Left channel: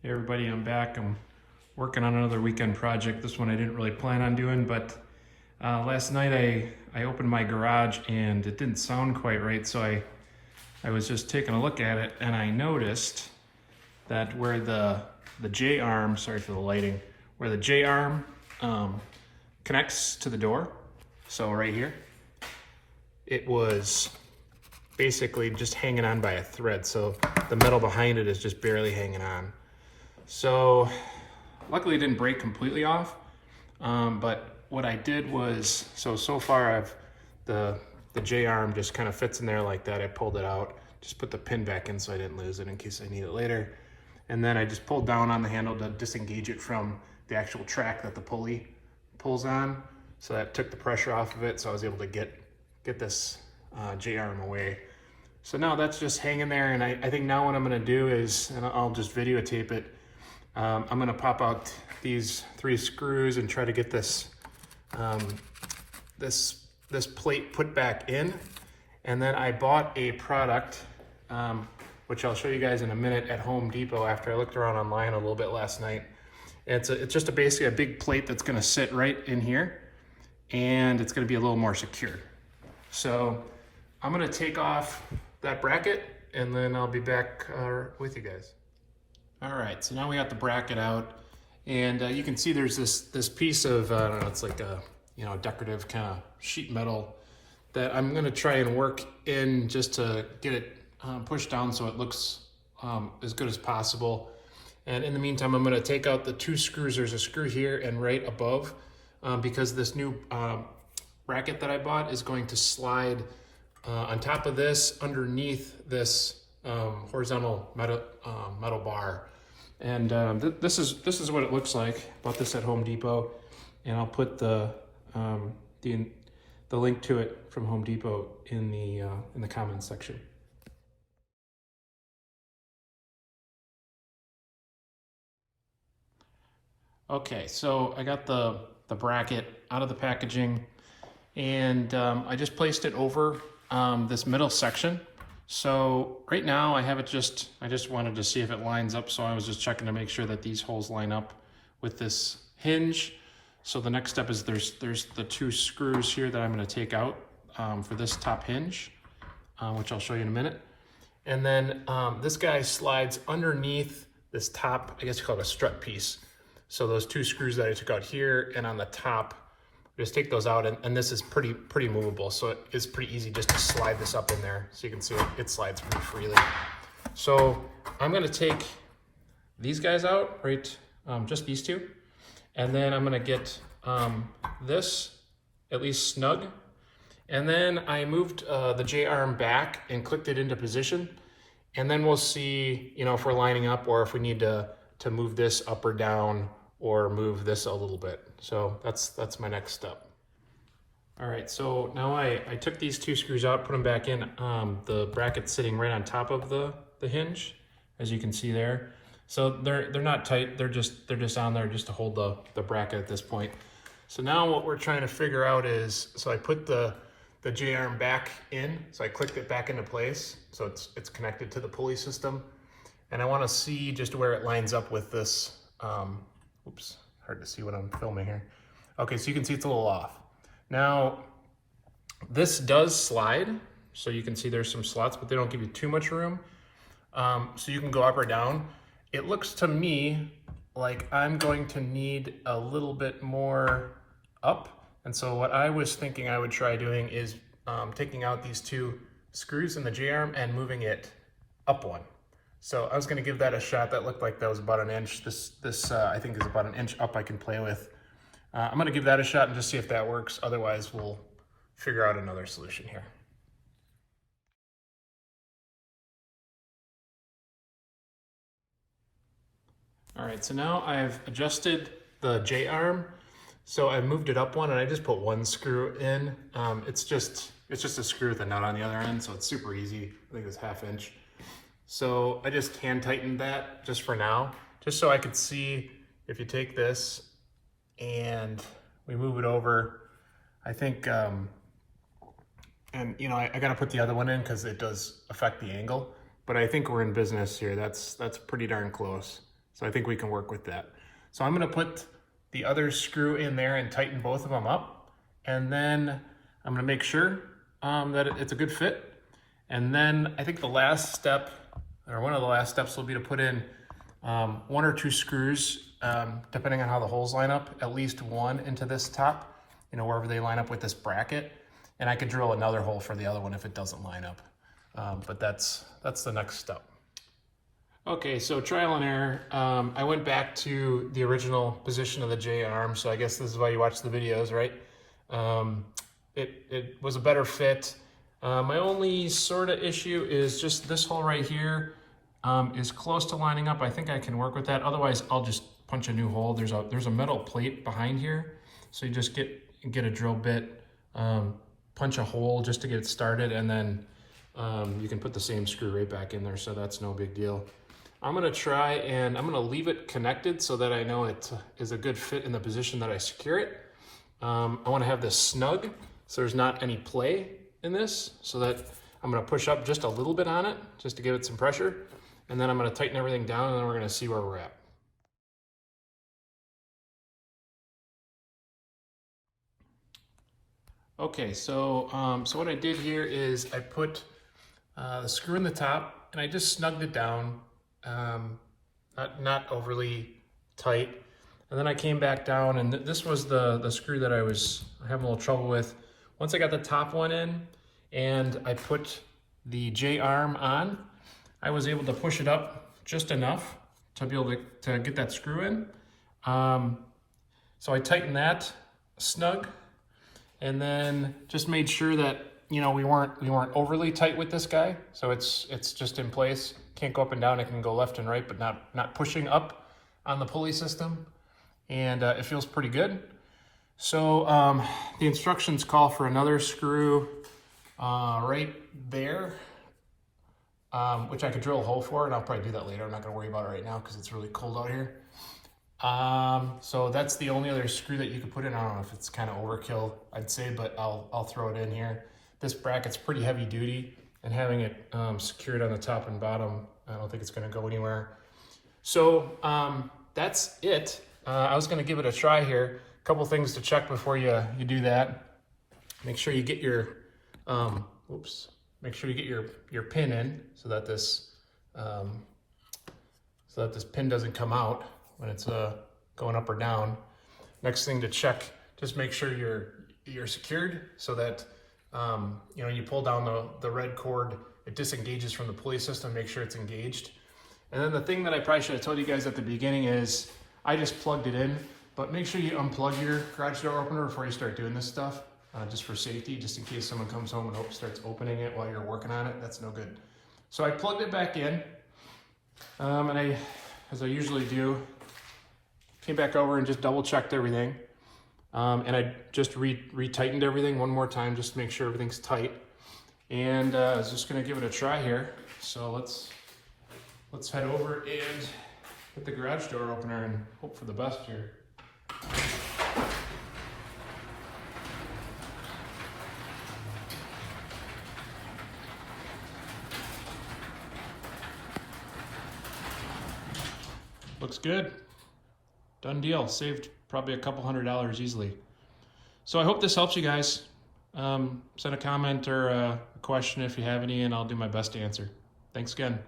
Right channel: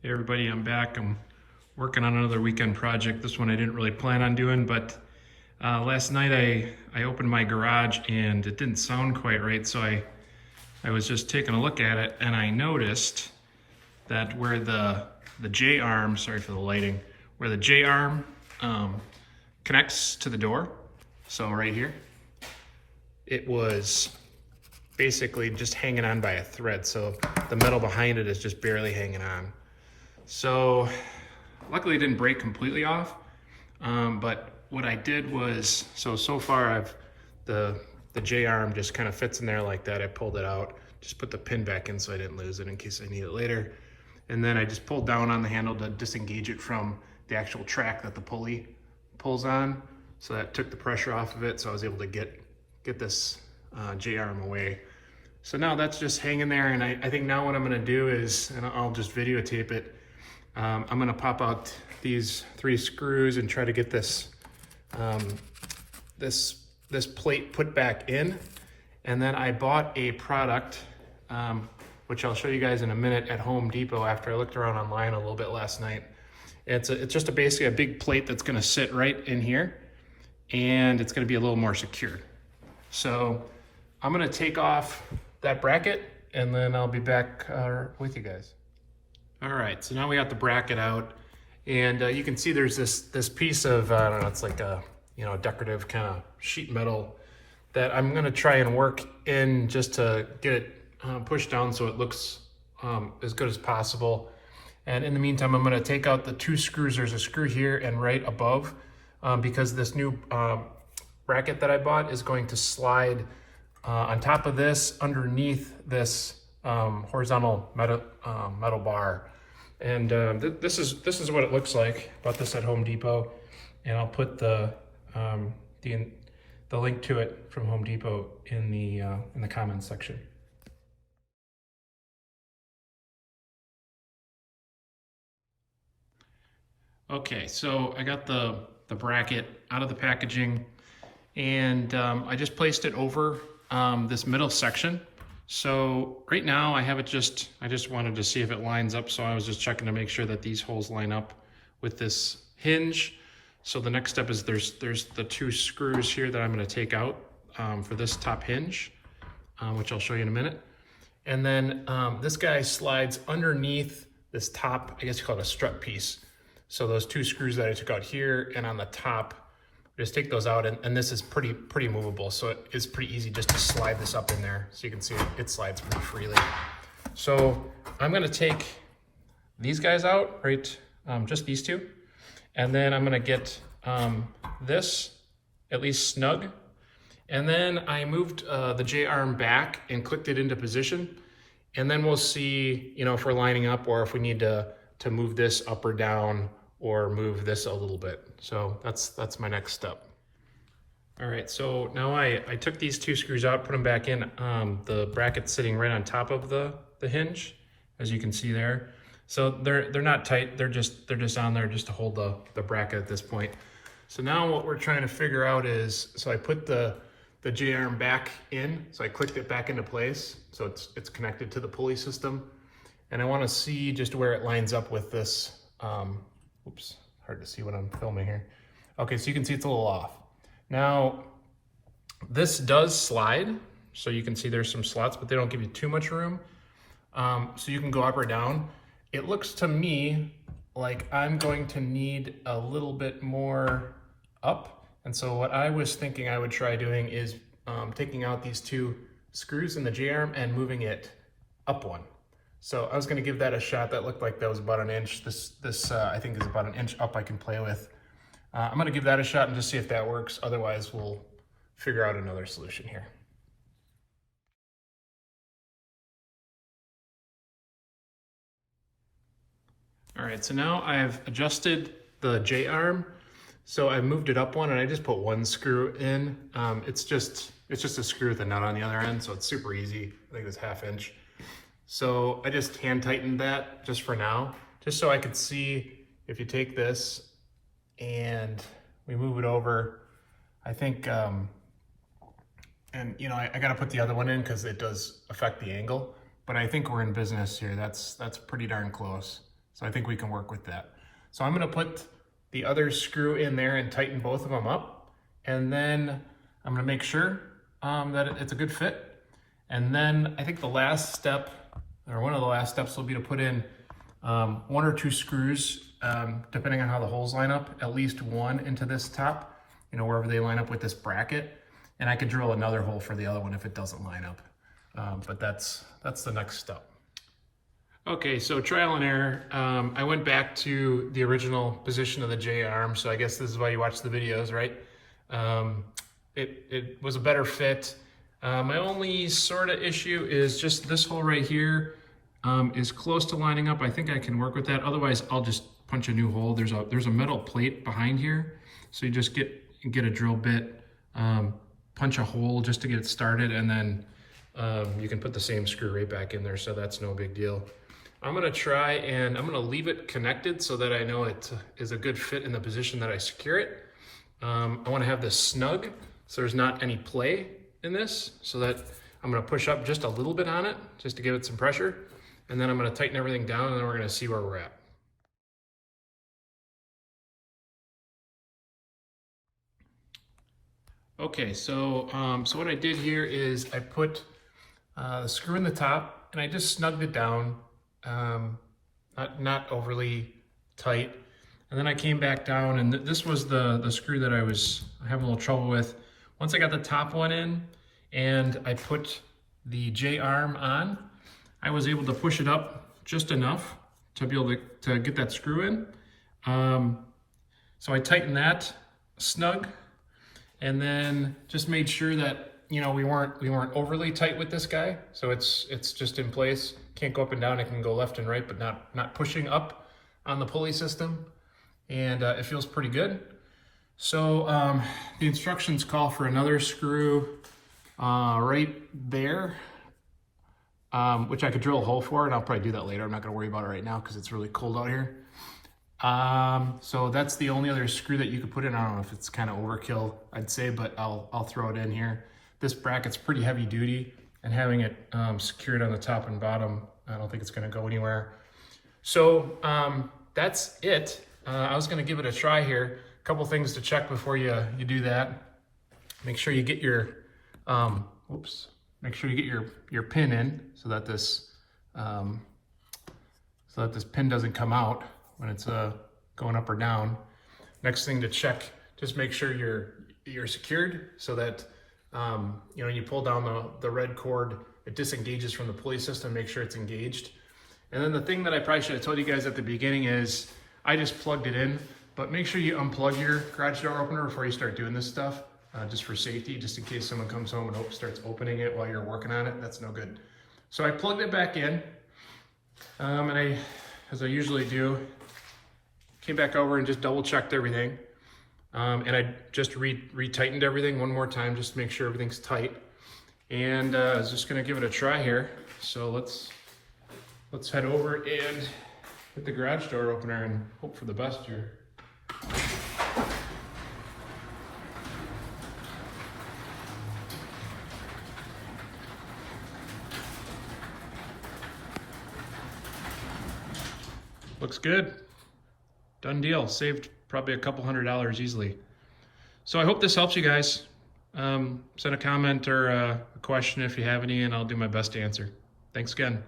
Hey everybody, I'm back. I'm working on another weekend project. This one I didn't really plan on doing, but last night I opened my garage and it didn't sound quite right, so I was just taking a look at it and I noticed that where the J-arm, sorry for the lighting, where the J-arm connects to the door, so right here, it was basically just hanging on by a thread, so the metal behind it is just barely hanging on. So luckily it didn't break completely off, but what I did was, so far the J-arm just kind of fits in there like that. I pulled it out, just put the pin back in so I didn't lose it in case I need it later. And then I just pulled down on the handle to disengage it from the actual track that the pulley pulls on. So that took the pressure off of it, so I was able to get this J-arm away. So now that's just hanging there, and I think now what I'm gonna do is, and I'll just videotape it, I'm gonna pop out these 3 screws and try to get this this plate put back in. And then I bought a product, which I'll show you guys in a minute, at Home Depot after I looked around online a little bit last night. It's just basically a big plate that's gonna sit right in here, and it's gonna be a little more secure. So I'm gonna take off that bracket and then I'll be back with you guys. All right, so now we got the bracket out, and you can see there's this piece of, I don't know, it's like a, decorative kind of sheet metal that I'm gonna try and work in just to get it pushed down so it looks as good as possible. And in the meantime, I'm gonna take out the 2 screws. There's a screw here and right above, because this new bracket that I bought is going to slide on top of this, underneath this horizontal metal bar. And this is what it looks like. Bought this at Home Depot, and I'll put the link to it from Home Depot in the comments section. Okay, so I got the bracket out of the packaging, and I just placed it over this middle section. So right now I have it I just wanted to see if it lines up, so I was just checking to make sure that these holes line up with this hinge. So the next step is there's the 2 screws here that I'm going to take out for this top hinge, which I'll show you in a minute. And then this guy slides underneath this top, I guess you call it a strut piece. So those 2 screws that I took out here and on the top, just take those out, and this is pretty movable, so it's pretty easy just to slide this up in there. So you can see it slides pretty freely. So I'm gonna take these guys out, right? Just these 2, and then I'm gonna get this at least snug. And then I moved the J-arm back and clicked it into position, and then we'll see, if we're lining up or if we need to move this up or down or move this a little bit. So that's my next step. All right, so now I took these 2 screws out, put them back in. The bracket's sitting right on top of the hinge, as you can see there. So they're not tight, they're just on there just to hold the bracket at this point. So now what we're trying to figure out is, so I put the J-arm back in, so I clicked it back into place, so it's connected to the pulley system. And I wanna see just where it lines up with this, oops, hard to see what I'm filming here. Okay, so you can see it's a little off. Now, this does slide, so you can see there's some slots, but they don't give you too much room. So you can go up or down. It looks to me like I'm going to need a little bit more up. And so what I was thinking I would try doing is taking out these 2 screws in the J-arm and moving it up 1. So I was gonna give that a shot. That looked like that was about an inch. This I think is about an inch up I can play with. I'm gonna give that a shot and just see if that works. Otherwise, we'll figure out another solution here. All right, so now I've adjusted the J-arm. So I moved it up 1 and I just put 1 screw in. It's just a screw with a nut on the other end, so it's super easy. I think it's 1/2 inch. So I just hand tightened that just for now, just so I could see if you take this and we move it over. I think, and I gotta put the other one in because it does affect the angle, but I think we're in business here. That's pretty darn close. So I think we can work with that. So I'm gonna put the other screw in there and tighten both of them up. And then I'm gonna make sure that it's a good fit. And then I think the last step, or one of the last steps, will be to put in 1 or 2 screws, depending on how the holes line up, at least one into this top, wherever they line up with this bracket. And I could drill another hole for the other one if it doesn't line up. But that's the next step. Okay, so trial and error. I went back to the original position of the J-arm, so I guess this is why you watch the videos, right? It was a better fit. My only sort of issue is just this hole right here is close to lining up. I think I can work with that. Otherwise, I'll just punch a new hole. There's a metal plate behind here, so you just get a drill bit, punch a hole just to get it started, and then you can put the same screw right back in there, so that's no big deal. I'm gonna try and I'm gonna leave it connected so that I know it is a good fit in the position that I secure it. I wanna have this snug so there's not any play in this, so that I'm gonna push up just a little bit on it just to give it some pressure, and then I'm gonna tighten everything down, and then we're gonna see where we're at. Okay, so what I did here is I put the screw in the top and I just snugged it down, not overly tight. And then I came back down, and this was the screw that I was having a little trouble with. Once I got the top one in and I put the J-arm on, I was able to push it up just enough to be able to get that screw in. So I tightened that snug, and then just made sure that we weren't overly tight with this guy. So it's just in place. Can't go up and down. It can go left and right, but not pushing up on the pulley system. And it feels pretty good. So the instructions call for another screw right there, which I could drill a hole for, and I'll probably do that later. I'm not gonna worry about it right now because it's really cold out here. So that's the only other screw that you could put in. I don't know if it's kind of overkill, I'd say, but I'll throw it in here. This bracket's pretty heavy duty, and having it secured on the top and bottom, I don't think it's gonna go anywhere. So that's it. I was gonna give it a try here. A couple things to check before you do that. Make sure you get your, make sure you get your pin in so that this pin doesn't come out when it's going up or down. Next thing to check, just make sure you're secured so that you pull down the red cord, it disengages from the pulley system. Make sure it's engaged. And then the thing that I probably should have told you guys at the beginning is I just plugged it in, but make sure you unplug your garage door opener before you start doing this stuff, just for safety, just in case someone comes home and starts opening it while you're working on it. That's no good. So I plugged it back in, and as I usually do, came back over and just double checked everything. And I just re-tightened everything one more time just to make sure everything's tight. And I was just gonna give it a try here. So let's head over and hit the garage door opener and hope for the best here. Looks good. Done deal. Saved probably a couple $100 easily. So I hope this helps you guys. Send a comment or a question if you have any, and I'll do my best to answer. Thanks again.